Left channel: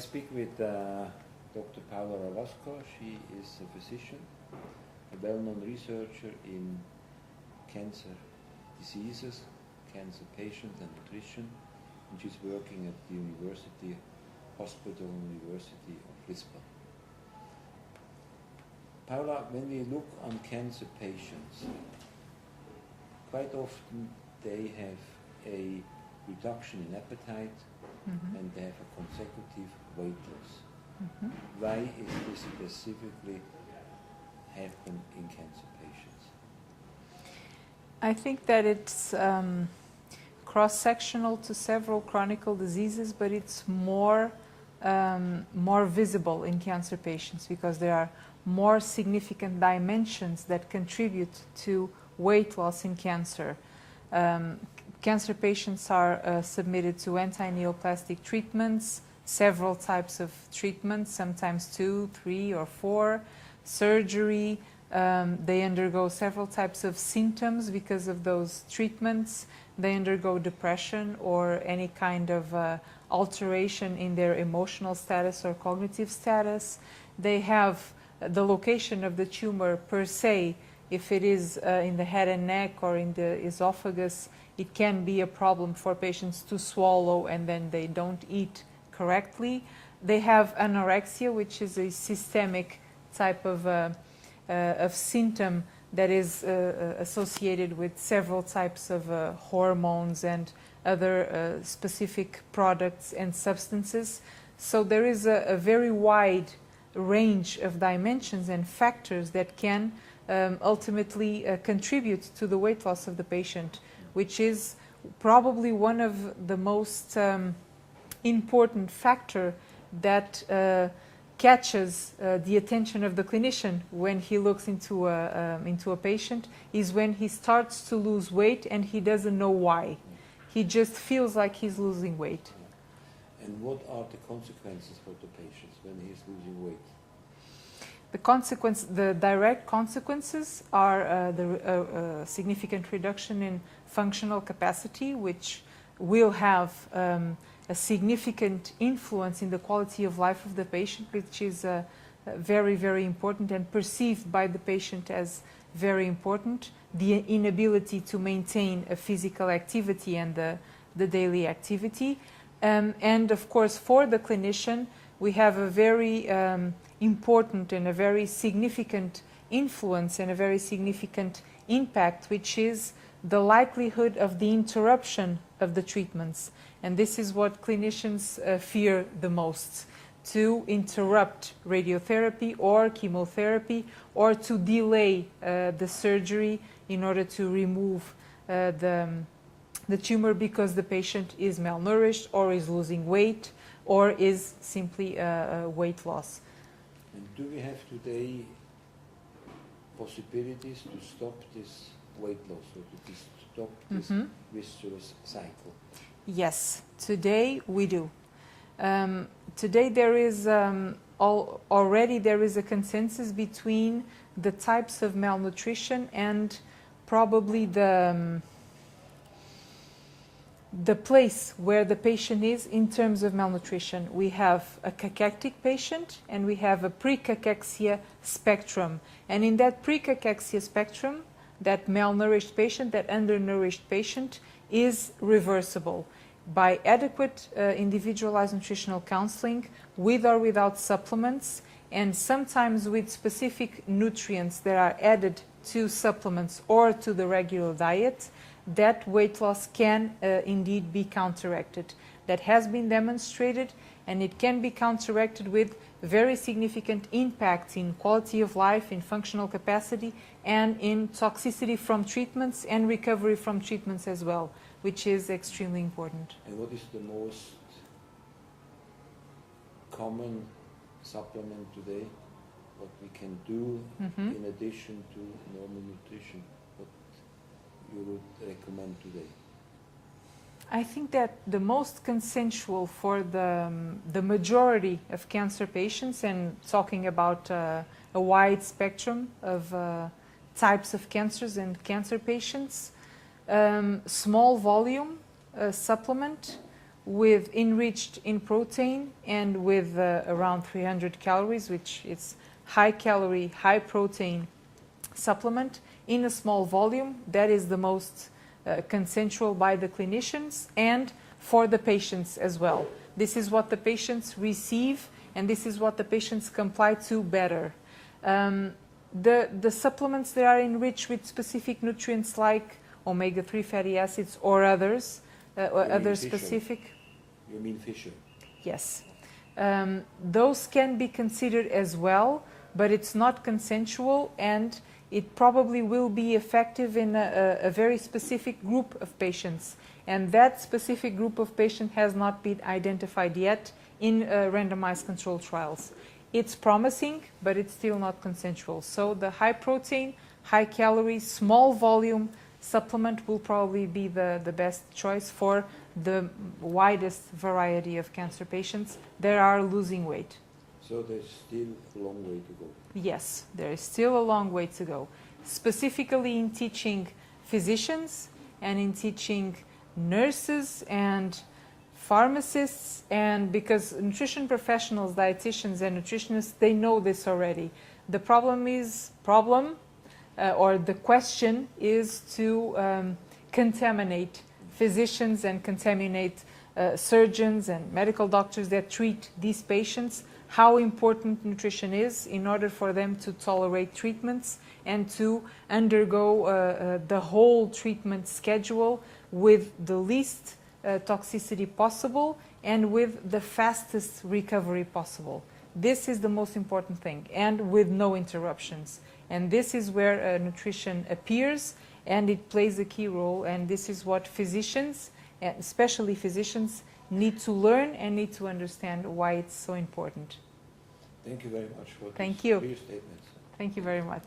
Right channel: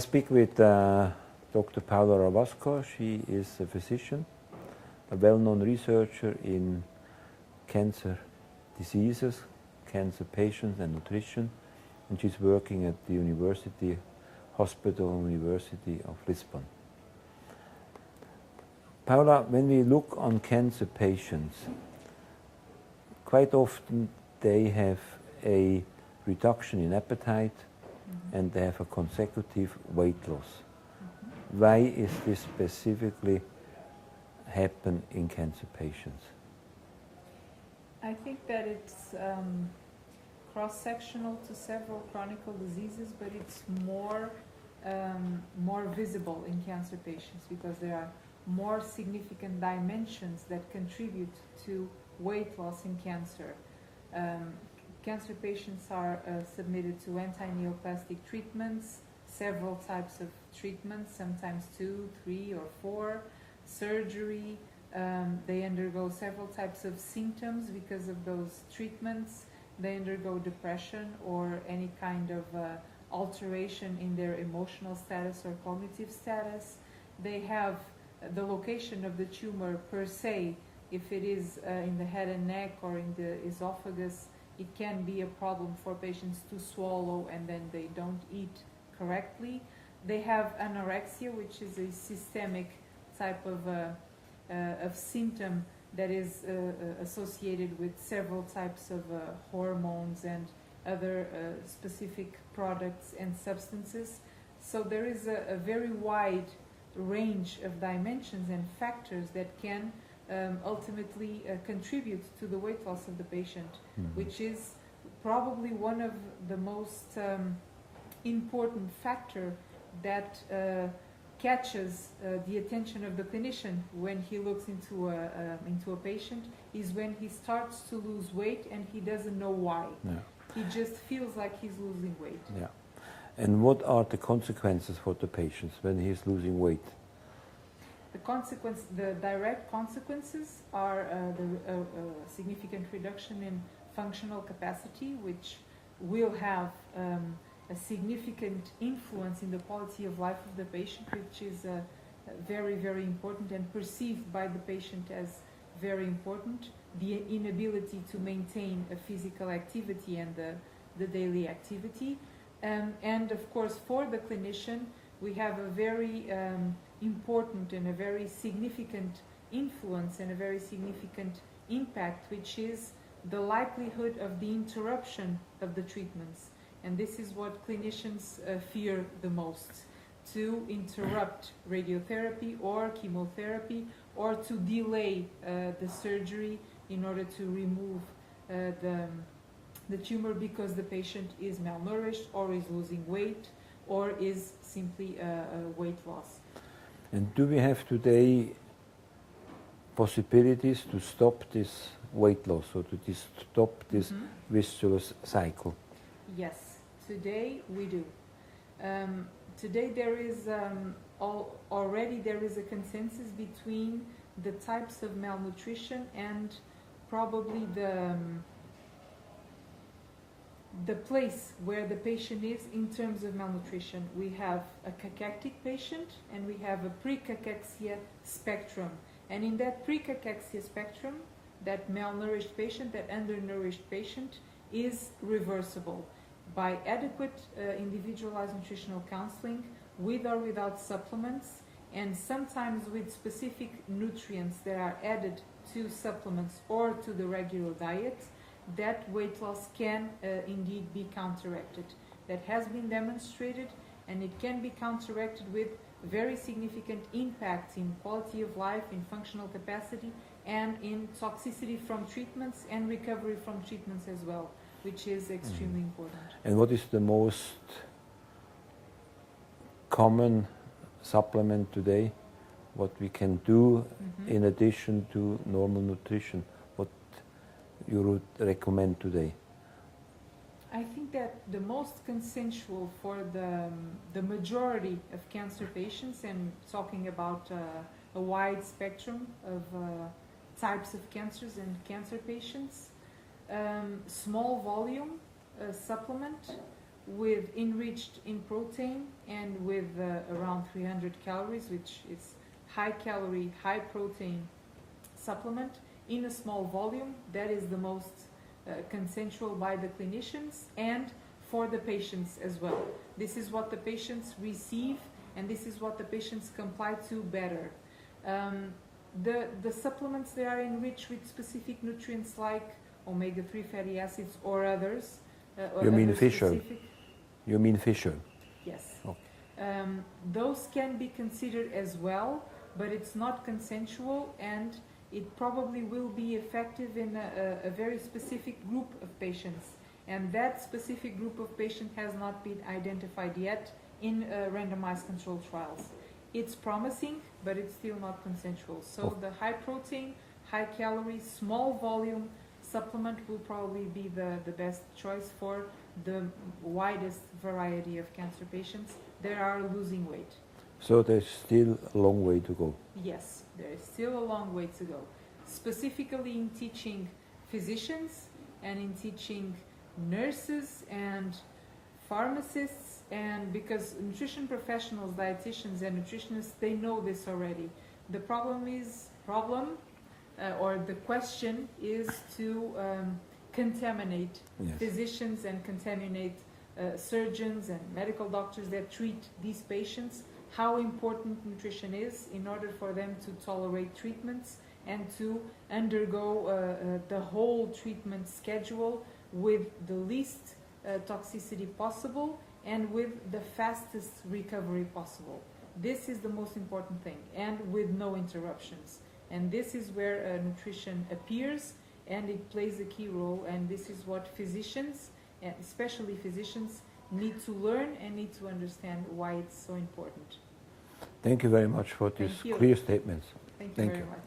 speak with Dr. Paola Ravasco. She is a physician, a well-known researcher in cancer diseases, cancer patients and nutrition, and she's working at the University of Lisbon. Paola, when we look on cancer patients, quite often they have a reduction in appetite and they have a consecutive weight loss. Why is this specifically happen in cancer patients? I think that it's cross-sectional to several chronic diseases, but it's more visible in cancer patients because there are more significant dimensions that contribute to weight loss in cancer. Cancer patients are submitted to anti-neoplastic treatments, several types of treatments, sometimes 2, 3, or 4, surgery. They undergo several types of symptoms because of those treatments. They undergo depression or any kind of alteration in their emotional status or cognitive status. They have the location of the tumor per se. If it is in the head and neck or in the esophagus, it can be a problem for patients to swallow and then they don't eat correctly. They have anorexia, which is a systemic type of symptom that is associated with several types of hormones and other specific products and substances. So there is a very wide range of dimensions and factors that can ultimately contribute to the weight loss of the patient, which is probably one of the most important factor that catches the attention of the clinician when he looks into a patient is when he starts to lose weight and he doesn't know why. Yeah. He just feels like he's losing weight. Yeah. And what are the consequences for the patients when he's losing weight? The direct consequences are the significant reduction in functional capacity, which will have a significant influence in the quality of life of the patient, which is very, very important and perceived by the patient as very important. The inability to maintain a physical activity and the daily activity. And of course, for the clinician, we have a very important and a very significant influence and a very significant impact, which is the likelihood of the interruption of the treatments. And this is what clinicians fear the most, to interrupt radiotherapy or chemotherapy or to delay the surgery in order to remove the tumor because the patient is malnourished or is losing weight or is simply weight loss. And do we have today possibilities to stop this weight loss or to stop this vicious cycle? Yes, today we do. Today there is already there is a consensus between the types of malnutrition and probably the place where the patient is in terms of malnutrition. We have a cachectic patient and we have a pre-cachexia spectrum. And in that pre-cachexia spectrum, that malnourished patient, that undernourished patient is reversible by adequate individualized nutritional counseling with or without supplements, and sometimes with specific nutrients that are added to supplements or to the regular diet. That weight loss can indeed be counteracted. That has been demonstrated, and it can be counteracted with very significant impact in quality of life, in functional capacity, and in toxicity from treatments and recovery from treatments as well, which is extremely important. And what is the most common supplement today? What we can do in addition to normal nutrition? What you would recommend today? I think that the most consensual for the majority of cancer patients, and talking about a wide spectrum of types of cancers and cancer patients, small volume supplement with enriched in protein and with around 300 calories, which is high calorie, high protein supplement in a small volume. That is the most consensual by the clinicians and for the patients as well. This is what the patients receive, and this is what the patients comply to better. The supplements, they are enriched with specific nutrients like omega-3 fatty acids or others, other specific. You mean Fisher? Yes. Oh. Those can be considered as well, but it's not consensual, and it probably will be effective in a very specific group of patients. And that specific group of patients has not been identified yet in randomized controlled trials. It's promising, but it's still not consensual. So the high protein, high calorie, small volume supplement will probably be the best choice for the widest variety of cancer patients that are losing weight. So there's still a long way to go. Yes, there is still a long way to go, specifically in teaching physicians and in teaching nurses and pharmacists, and because nutrition professionals, dietitians and nutritionists, they know this already. The question is to contaminate physicians and contaminate surgeons and medical doctors that treat these patients, how important nutrition is in order for them to tolerate treatments and to undergo the whole treatment schedule with the least toxicity possible and with the fastest recovery possible. This is the most important thing, and with no interruptions. And this is where nutrition appears, and it plays a key role, and this is what physicians, and especially physicians, need to learn and need to understand why it's so important. Thank you very much for these clear statements. Thank you very much.